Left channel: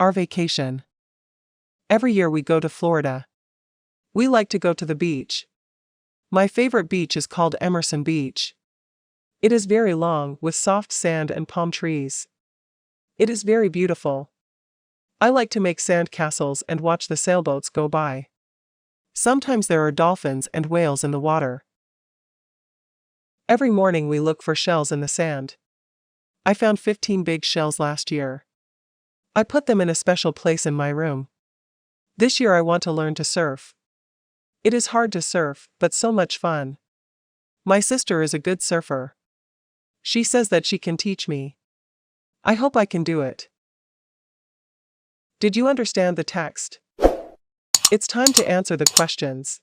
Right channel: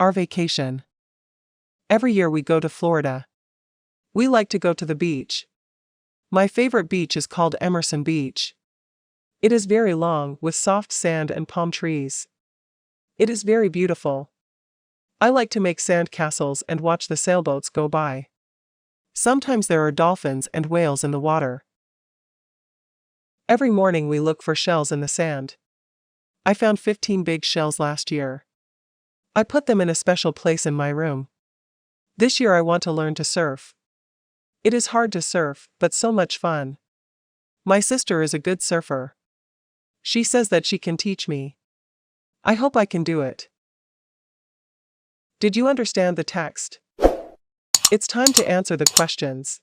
Our vacation. Every year we go to Florida. We like to go to the beach. My favorite beach is called Emerson Beach. It is very long, with soft sand and palm trees. It is very beautiful. I like to make sand castles and watch the sailboats go by. Sometimes there are dolphins and whales in the water. Every morning we look for shells in the sand. I found 15 big shells last year. I put them in a special place in my room. This year I want to learn to surf. It is hard to surf, but so much fun. My sister is a good surfer. She says that she can teach me. I hope I can do it. Did you understand the text? It's time to answer the questions.